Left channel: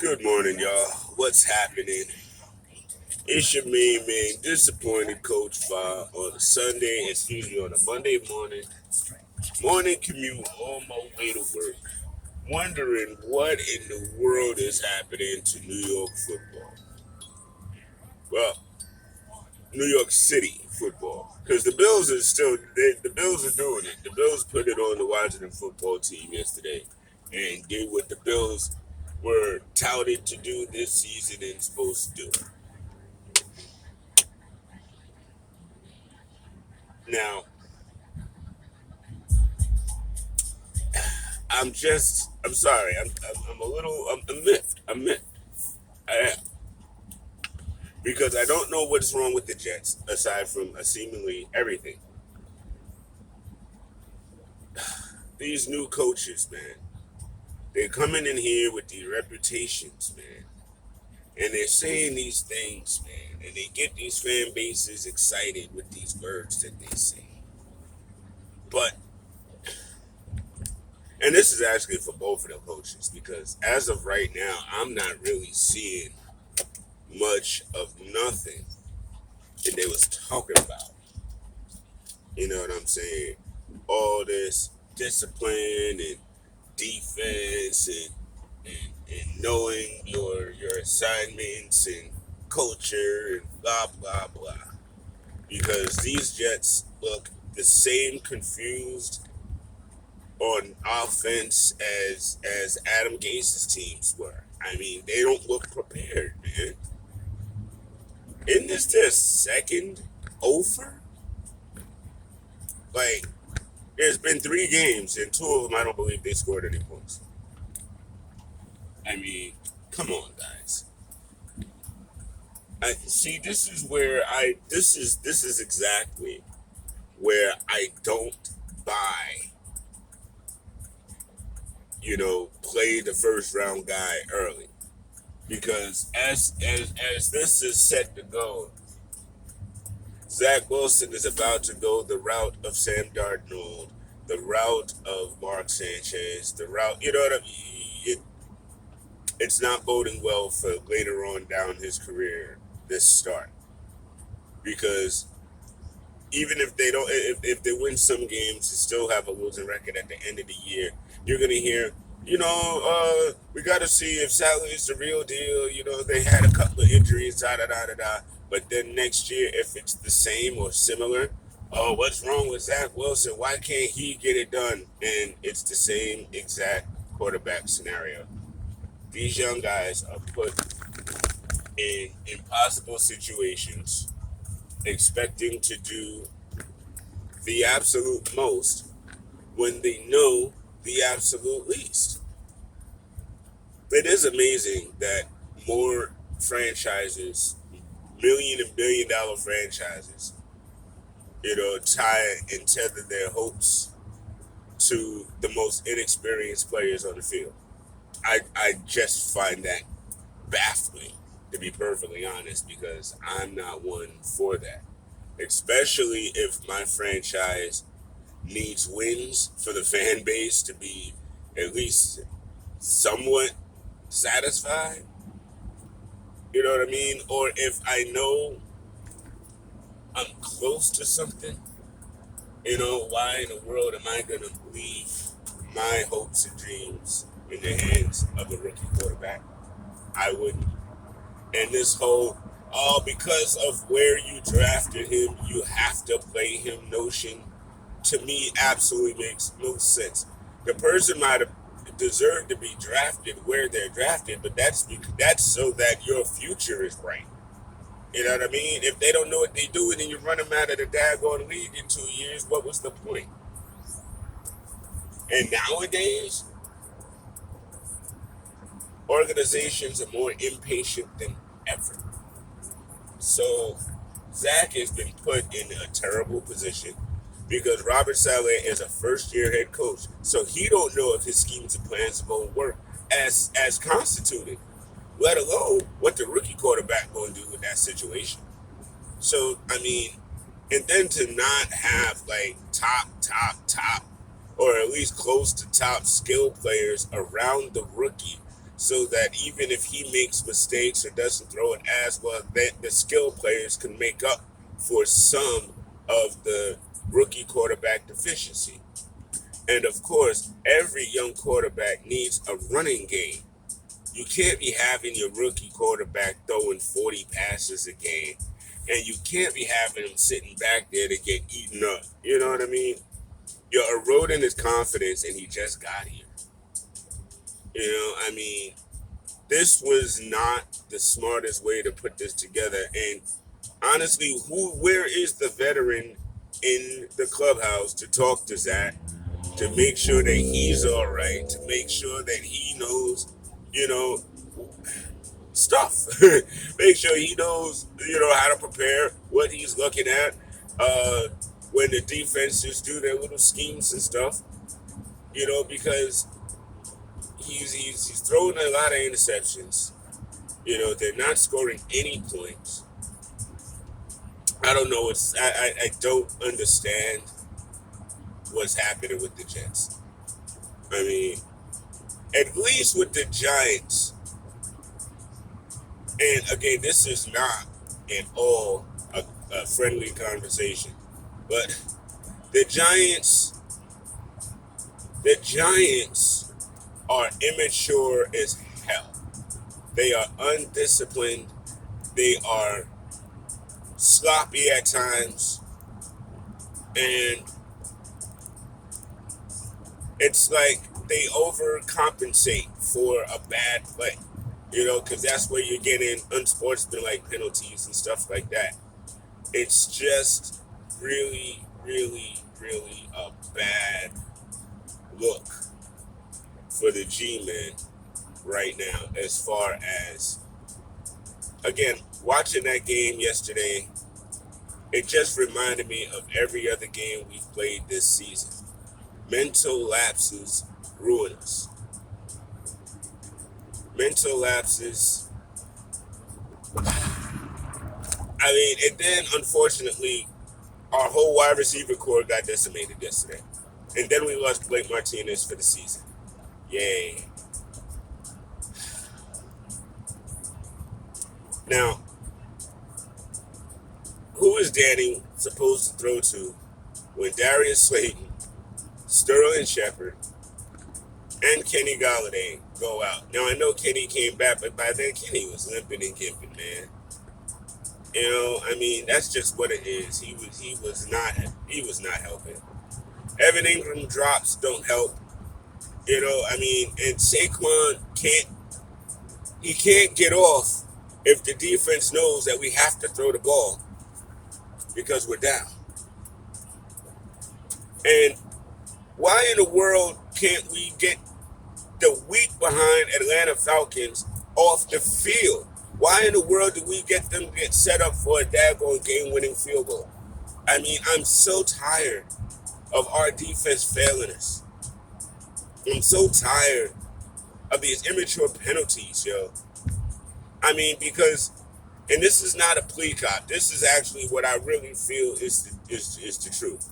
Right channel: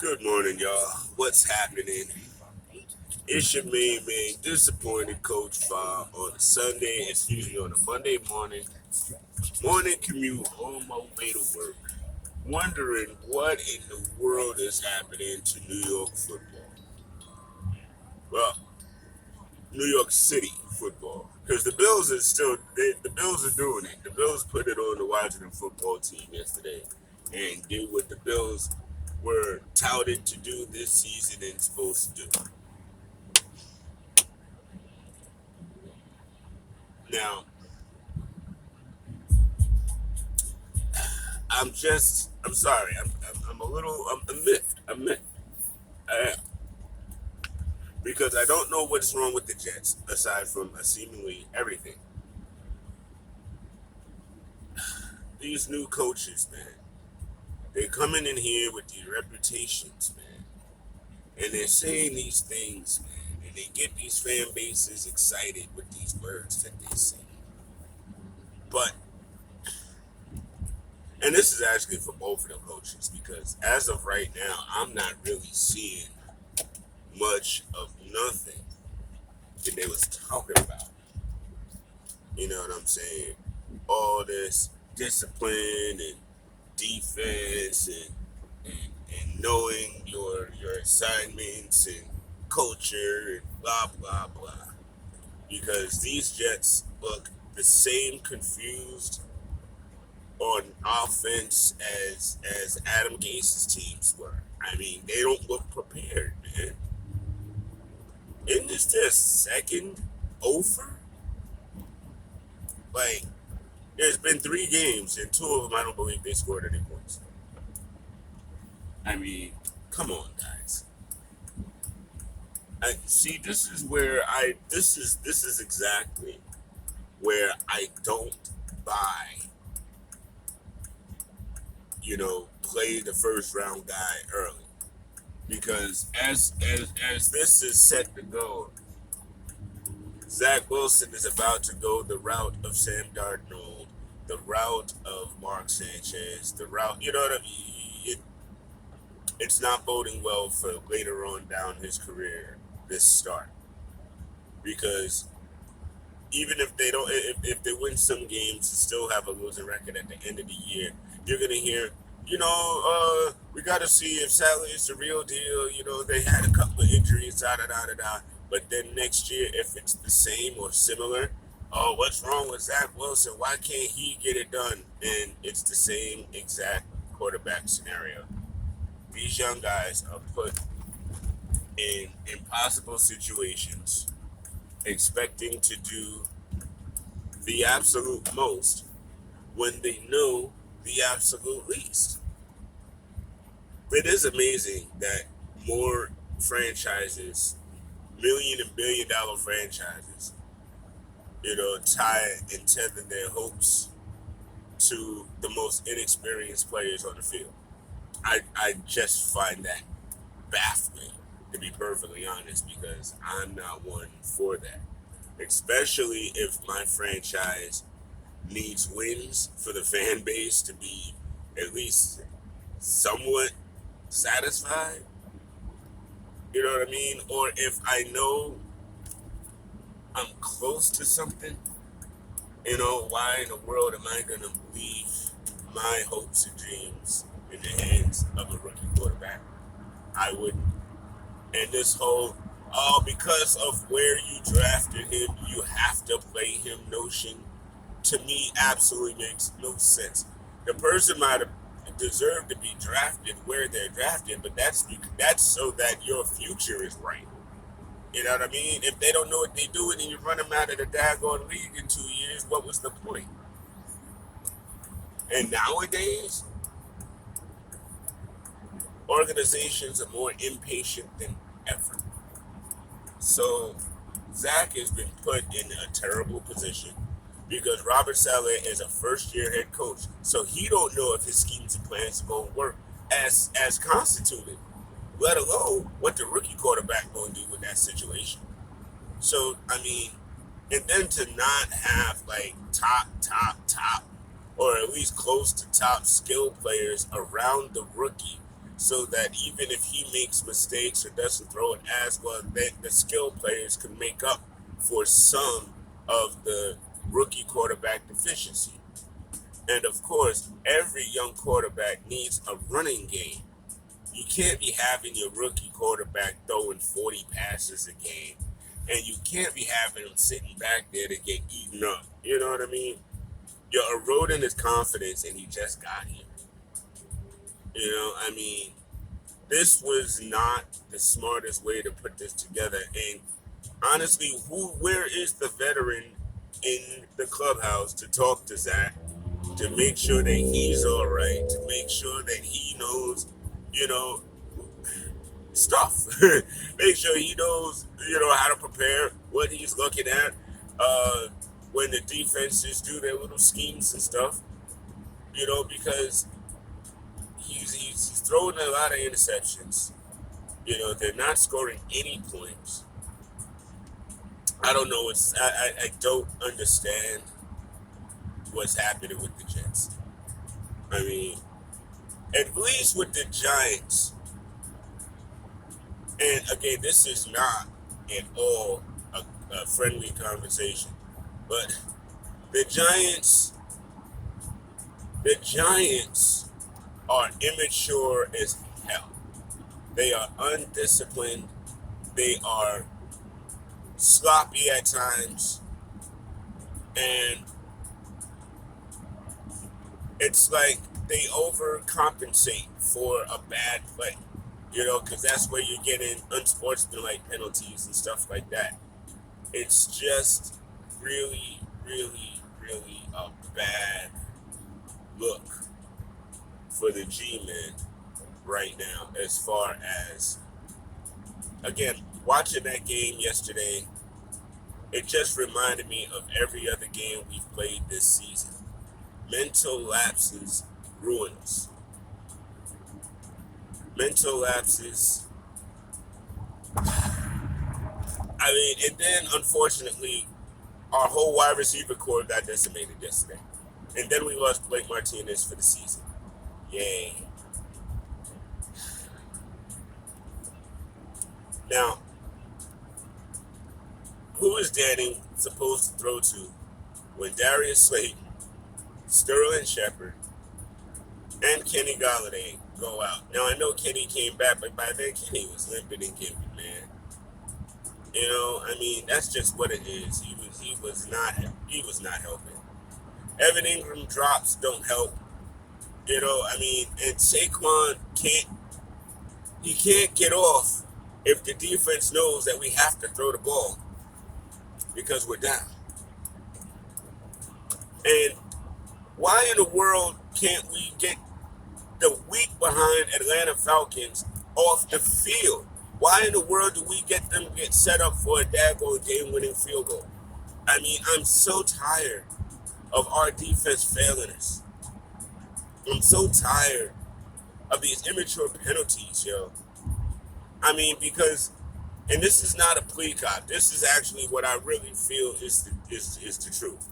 Good morning, y'all. What's happening? It's your main man, disappointed Coach Fa on a Sunday, excuse me, on a Monday morning commute on my way to work, wondering what in the world is happening to New York football. Well, New York City football, because the Bills are the Bills are doing it. The Bills put it on the Washington football team yesterday, and did what the Bills were touted to do this season and supposed to do. Now, I'm sorry. I'm a little, I'm miffed. I'm miffed. I am. Because I don't know what's wrong with the Jets, aside from seemingly everything. These new coaches, man, they're coming in here with these reputations, man. And they're saying these things, man. And they get these fan bases excited with these words that they say. But, and this is actually for both of the coaches, because as of right now, I'm not really seeing much of nothing that they was talking about. You know what I'm saying? All this discipline and defense and knowing your assignments and culture and blah blah blah. Because these Jets look the same confused on offense as Adam Gase's teams were. I mean, they don't look prepared, man. Isn't this their second offer? Like, there's been 3 games, and 2 of them I don't believe they scored any points. I mean, come on, guys. I see. This is exactly where I don't buy. Play the first round guy early, because as this is set to go, Zach Wilson is about to go the route of Sam Darnold, the route of Mark Sanchez, the route. You know what I mean? It's not boding well for later on down his career, this start, because even if they don't, if they win some games and still have a losing record at the end of the year, you're gonna hear, we got to see if Sally is the real deal. They had a couple of injuries, da da da da da. But then next year, if it's the same or similar, oh, what's wrong with Zach Wilson? Why can't he get it done? And it's the same exact quarterback scenario. These young guys are put in impossible situations, expecting to do the absolute most when they know the absolute least. It is amazing that more franchises, million and billion dollar franchises, tie and tether their hopes to the most inexperienced players on the field. I just find that baffling, to be perfectly honest, because I'm not one for that. Especially if my franchise needs wins for the fan base to be at least somewhat satisfied. You know what I mean? Or if I know I'm close to something, why in the world am I going to leave my hopes and dreams in the hands of a rookie quarterback? I wouldn't. And this whole, oh, because of where you drafted him, you have to play him notion, to me, absolutely makes no sense. The person might have deserved to be drafted where they're drafted, but that's so that your future is right. You know what I mean? If they don't know what they're doing and you run them out of the daggone league in 2 years, what was the point? And nowadays, organizations are more impatient than ever. So Zach has been put in a terrible position because Robert Saleh is a first-year head coach, so he don't know if his schemes and plans are going to work as constituted, let alone what the rookie quarterback going to do in that situation. So I mean, and then to not have like top, or at least close to top skill players around the rookie so that even if he makes mistakes or doesn't throw it as well, that the skill players can make up for some of the rookie quarterback deficiency. And of course, every young quarterback needs a running game. You can't be having your rookie quarterback throwing 40 passes a game, and you can't be having him sitting back there to get eaten up. You know what I mean? You're eroding his confidence, and he just got here. You know, I mean, this was not the smartest way to put this together. And honestly, where is the veteran in the clubhouse to talk to Zach, to make sure that he's all right, to make sure that he knows, you know, stuff. Make sure he knows, how to prepare, what he's looking at, when the defenses do their little schemes and stuff, because he's throwing a lot of interceptions. They're not scoring any points. I don't know. I don't understand what's happening with the Jets. I mean, at least with the Giants, and again, this is not at all a friendly conversation, but the Giants are immature as hell. They are undisciplined. They are sloppy at times, and it's like they overcompensate for a bad play, because that's where you're getting unsportsmanlike penalties and stuff like that. It's just really, really, really a bad look for the G-men right now, as far as, again, watching that game yesterday, it just reminded me of every other game we've played this season. Mental lapses ruin us. Mental lapses. I mean, and then unfortunately, our whole wide receiver core got decimated yesterday. And then we lost Blake Martinez for the season. Yay. Now, who is Danny supposed to throw to when Darius Slayton, Sterling Shepard, and Kenny Galladay go out? Now, I know Kenny came back, but by then Kenny was limping and gimping, man. I mean, that's just what it is. He was not helping. Evan Ingram drops don't help. I mean, and Saquon can't get off if the defense knows that we have to throw the ball because we're down. And why in the world can't we get the weak behind Atlanta Falcons off the field? Why in the world do we get them to get set up for a daggone game-winning field goal? I mean, I'm so tired of our defense failing us. I'm so tired of these immature penalties, yo. I mean, because, and this is not a plea cop. This is actually what I really feel is the truth.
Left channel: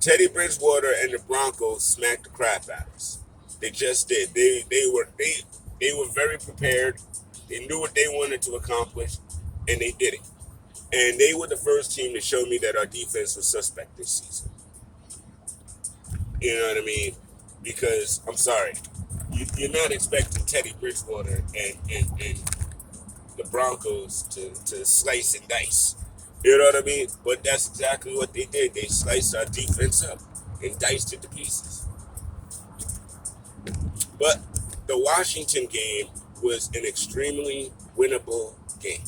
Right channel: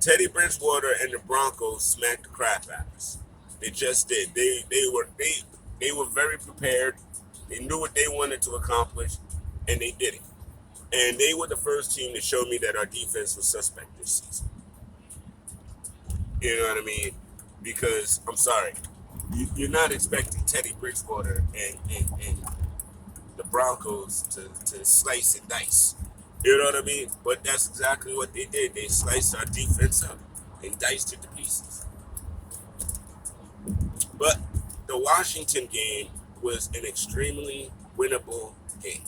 Teddy Bridgewater and the Broncos smacked the crap out of us. They just did. They were very prepared. They knew what they wanted to accomplish, and they did it. And they were the first team to show me that our defense was suspect this season. You know what I mean? Because, I'm sorry, you're not expecting Teddy Bridgewater and the Broncos to slice and dice. You know what I mean? But that's exactly what they did. They sliced our defense up and diced it to pieces. But the Washington game was an extremely winnable game.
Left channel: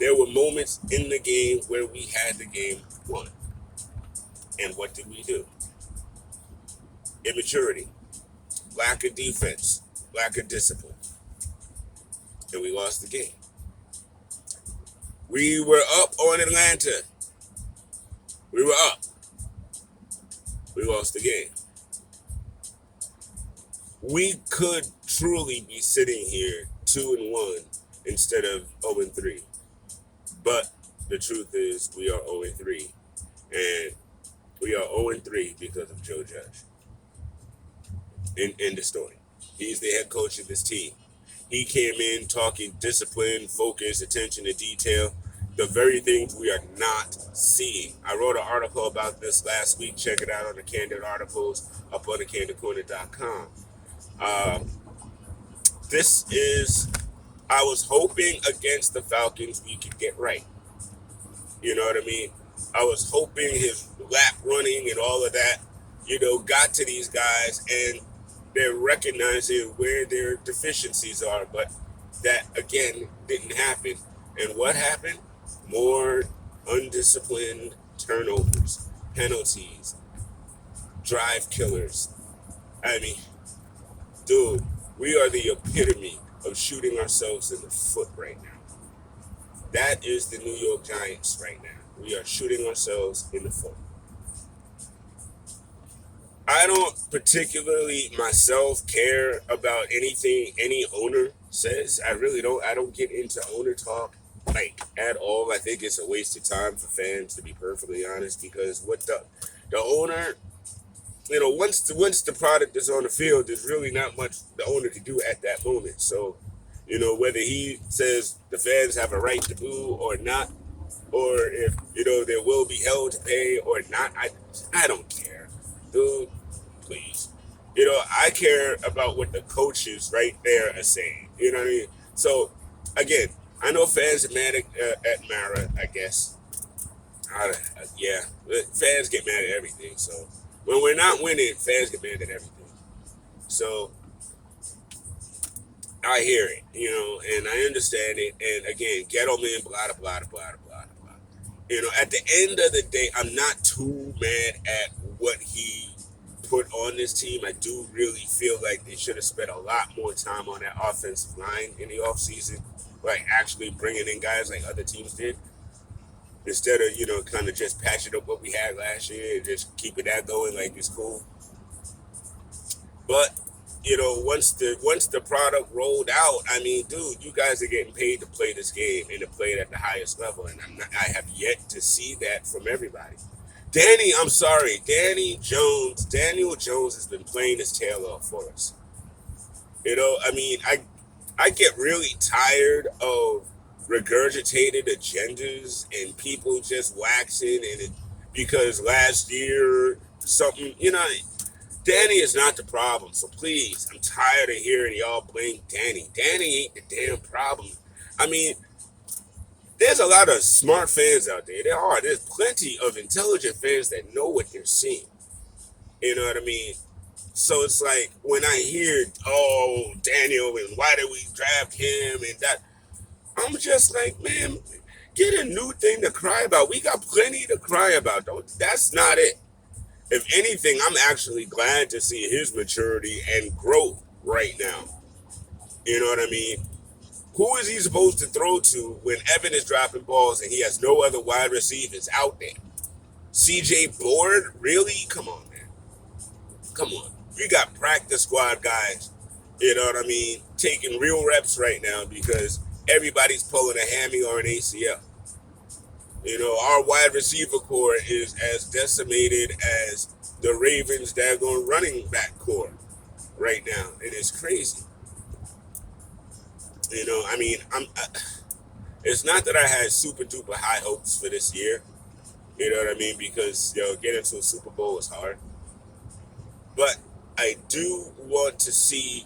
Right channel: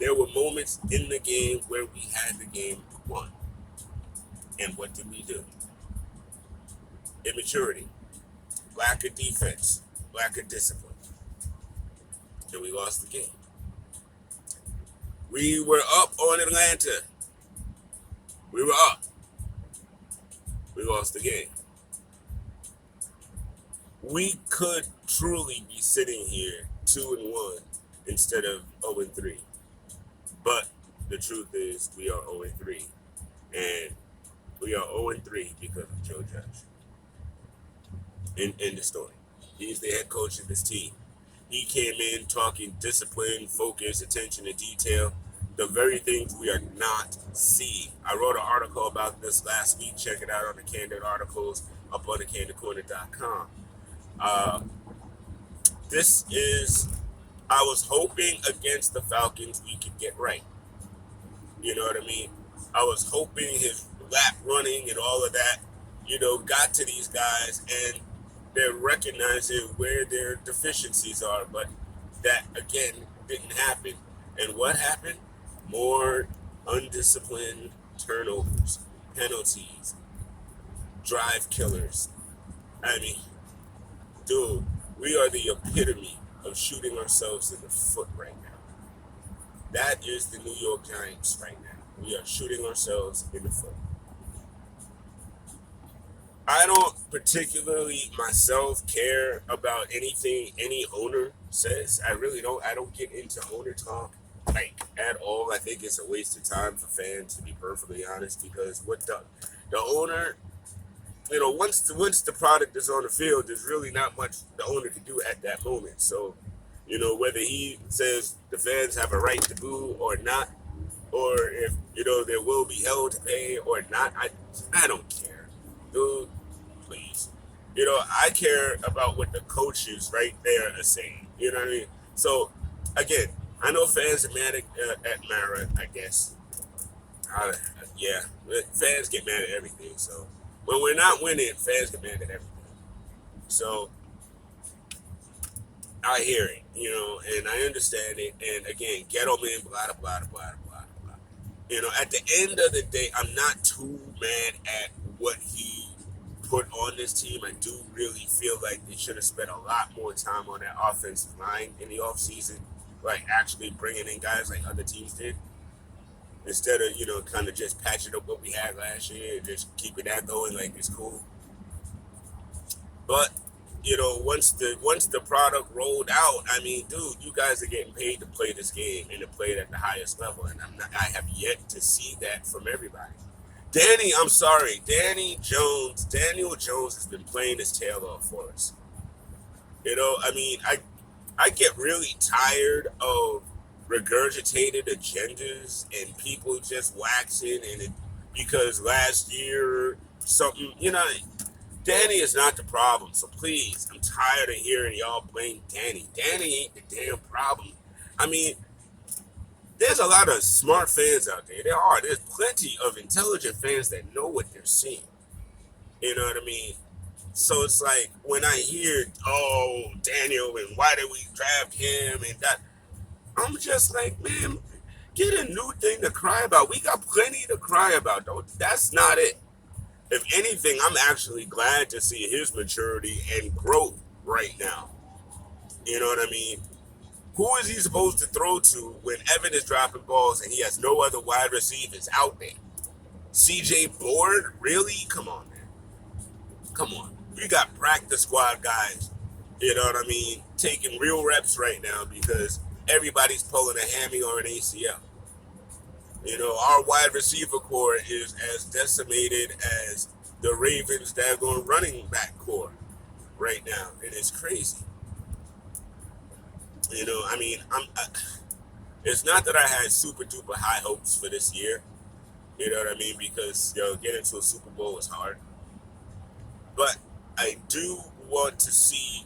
There were moments in the game where we had the game won. And what did we do? Immaturity, lack of defense, lack of discipline. And we lost the game. We were up on Atlanta. We were up. We lost the game. We could truly be sitting here 2-1 instead of 0-3. But the truth is we are 0-3. And we are 0-3 because of Joe Judge. End the story. He's the head coach of this team. He came in talking discipline, focus, attention to detail, the very things we are not seeing. I wrote an article about this last week. Check it out on the Candid articles up on the candidcorner.com. Uh, this is, I was hoping against the Falcons we could get right. You know what I mean? I was hoping his lap running and all of that, got to these guys and they're recognizing where their deficiencies are. But that, again, didn't happen. And what happened? More undisciplined turnovers, penalties, drive killers. I mean, dude, we are the epitome of shooting ourselves in the foot right now. That is the New York Giants right now. We are shooting ourselves in the foot. I don't particularly myself care about anything any owner says. I really don't. I don't get into owner talk like at all. I think it's a waste of time for fans, to be perfectly honest, because what the owner, once the product is on the field, there's really not much the owner can do at that moment. So, whether he says the fans have a right to boo or not, or if there will be hell to pay or not, I don't care, dude. Please, I care about what the coaches right there are saying. You know what I mean? So, again, I know fans are mad at Mara, I guess. Yeah, fans get mad at everything. So, when we're not winning, fans get mad at everything. So, I hear it, and I understand it. And again, Gettleman, blah, blah, blah, blah, blah, blah. At the end of the day, I'm not too mad at what he put on this team. I do really feel like they should have spent a lot more time on that offensive line in the offseason, like actually bringing in guys like other teams did, instead of, kind of just patching up what we had last year and just keeping that going like it's cool. But, once the product rolled out, I mean, dude, you guys are getting paid to play this game and to play it at the highest level, and I have yet to see that from everybody. Daniel Jones has been playing his tail off for us. I mean, I get really tired of regurgitated agendas and people just waxing because last year something, Danny is not the problem. So please, I'm tired of hearing y'all blame Danny. Danny ain't the damn problem. I mean, there's a lot of smart fans out there. There's plenty of intelligent fans that know what they're seeing. You know what I mean? So it's like when I hear, oh, Daniel, and why did we draft him and that, I'm just like, man, get a new thing to cry about. We got plenty to cry about. That's not it. If anything, I'm actually glad to see his maturity and growth right now. You know what I mean? Who is he supposed to throw to when Evan is dropping balls and he has no other wide receivers out there? CJ Board? Really? Come on, man. Come on. We got practice squad guys, you know what I mean, taking real reps right now because everybody's pulling a hammy or an ACL. Our wide receiver core is as decimated as the Ravens' daggone running back core right now. It is crazy. I mean, it's not that I had super duper high hopes for this year. You know what I mean? Because, getting to a Super Bowl is hard. But I do want to see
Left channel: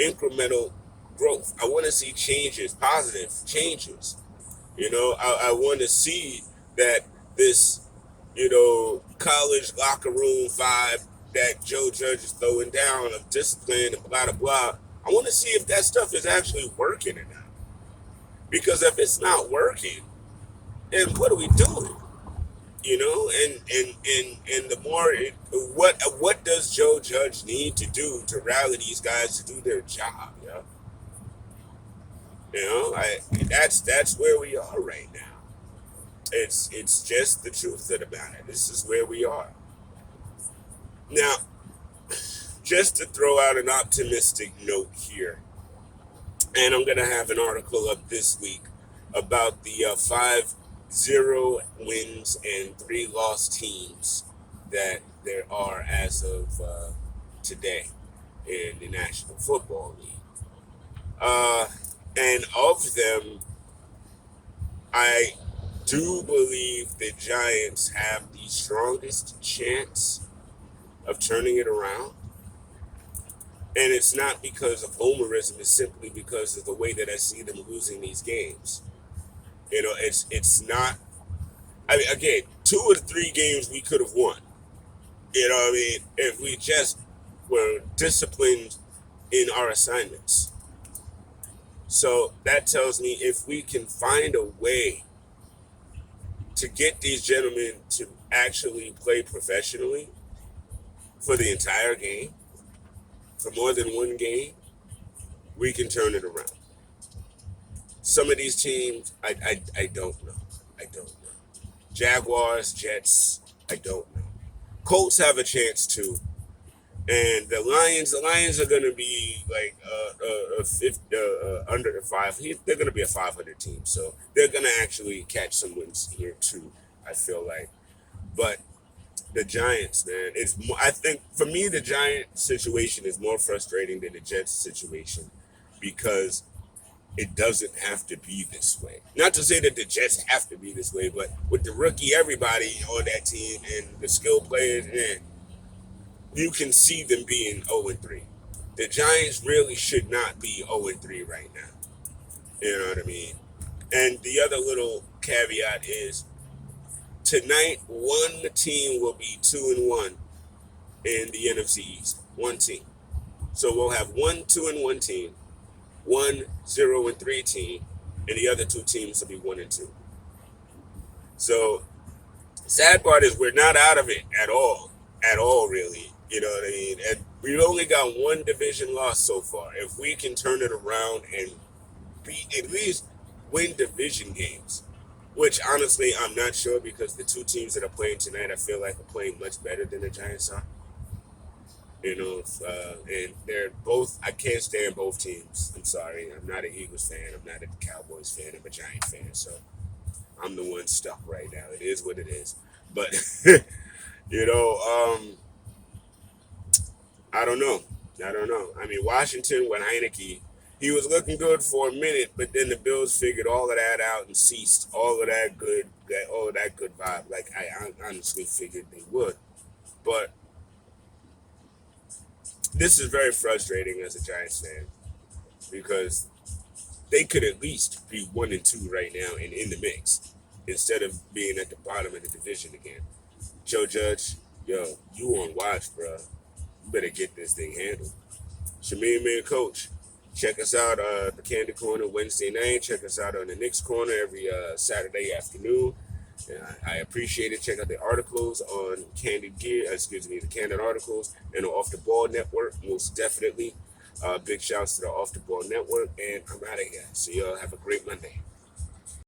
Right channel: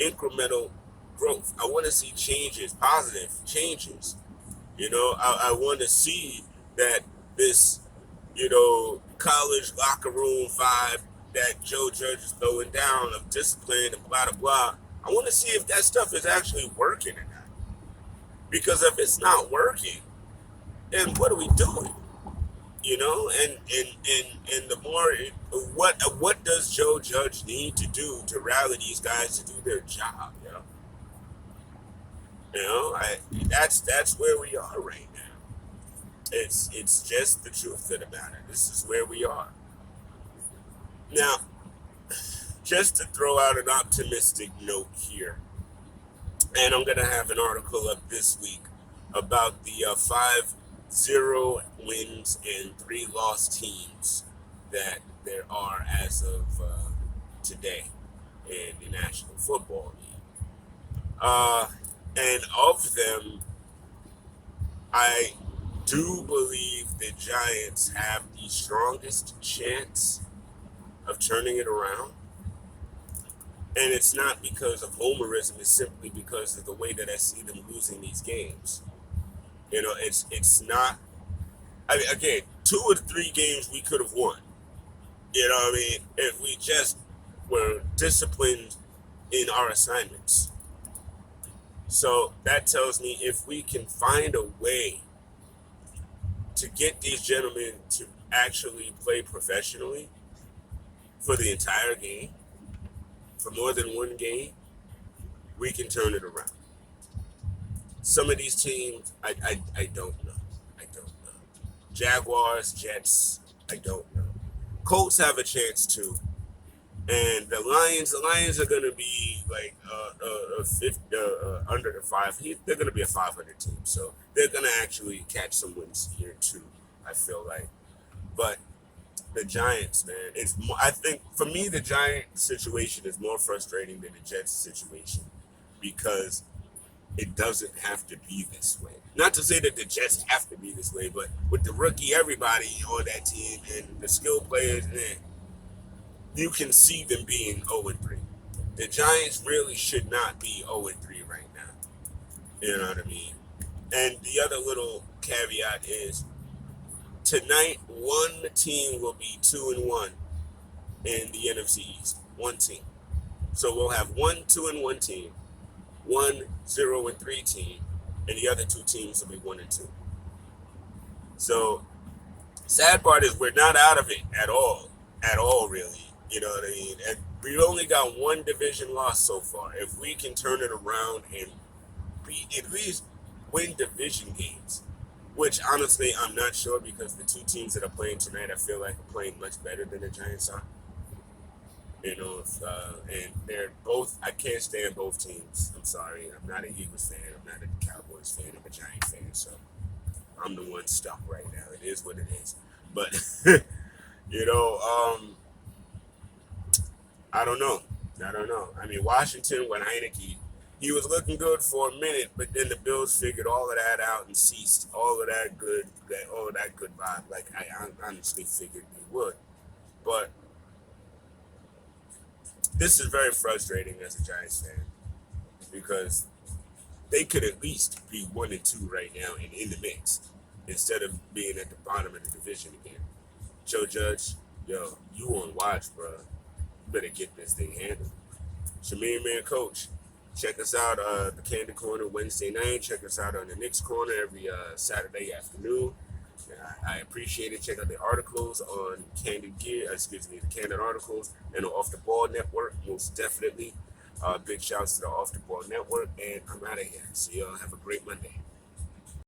incremental growth. I want to see changes, positive changes. I want to see that this, college locker room vibe that Joe Judge is throwing down of discipline and blah, blah, blah. I want to see if that stuff is actually working or not. Because if it's not working, then what are we doing? And the more, what does Joe Judge need to do to rally these guys to do their job? That's where we are right now. It's just the truth of the matter. This is where we are. Now, just to throw out an optimistic note here, and I'm going to have an article up this week about the 5-0 wins and 3 loss teams that there are as of today. in the National Football League. And of them, I do believe the Giants have the strongest chance of turning it around. And it's not because of homerism, it's simply because of the way that I see them losing these games. It's not. I mean, again, 2 or 3 games we could have won. If we just were disciplined in our assignments. So that tells me if we can find a way to get these gentlemen to actually play professionally for the entire game, for more than one game, we can turn it around. Some of these teams, I don't know. I don't know. Jaguars, Jets, I don't know. Colts have a chance too. And the Lions are going to be like under the five. They're going to be a 500 team, so they're going to actually catch some wins here too. I feel like, but the Giants, man, it's more, I think for me the Giant situation is more frustrating than the Jets situation because it doesn't have to be this way. Not to say that the Jets have to be this way, but with the rookie, everybody on that team and the skill players, man, you can see them being 0-3. The Giants really should not be 0-3 right now. You know what I mean? And the other little caveat is tonight, one team will be 2-1 in the NFC East. One team. So we'll have 1-2-1 team, 1-0-3 team, and the other 2 teams will be 1-2. So sad part is we're not out of it at all really. You know what I mean? And we've only got 1 division loss so far. If we can turn it around and at least win division games, which honestly I'm not sure because the 2 teams that are playing tonight I feel like are playing much better than the Giants are. And they're both. I can't stand both teams. I'm sorry. I'm not an Eagles fan. I'm not a Cowboys fan. I'm a Giant fan. So I'm the one stuck right now. It is what it is. But I don't know. I mean, Washington with Heineke, he was looking good for a minute, but then the Bills figured all of that out and ceased all of that good vibe. Like I honestly figured they would, but this is very frustrating as a Giants fan because they could at least be 1-2 right now and in the mix instead of being at the bottom of the division again. Joe Judge, yo, you on watch, bro. You better get this thing handled. Shameem Man Coach, check us out the Candid Corner Wednesday night. Check us out on the Knicks Corner every Saturday afternoon. I appreciate it. Check out the articles on Candid Gear, the Candid articles, and the Off the Ball Network, most definitely. Big shouts to the Off the Ball Network, and I'm out of here. So y'all have a great Monday.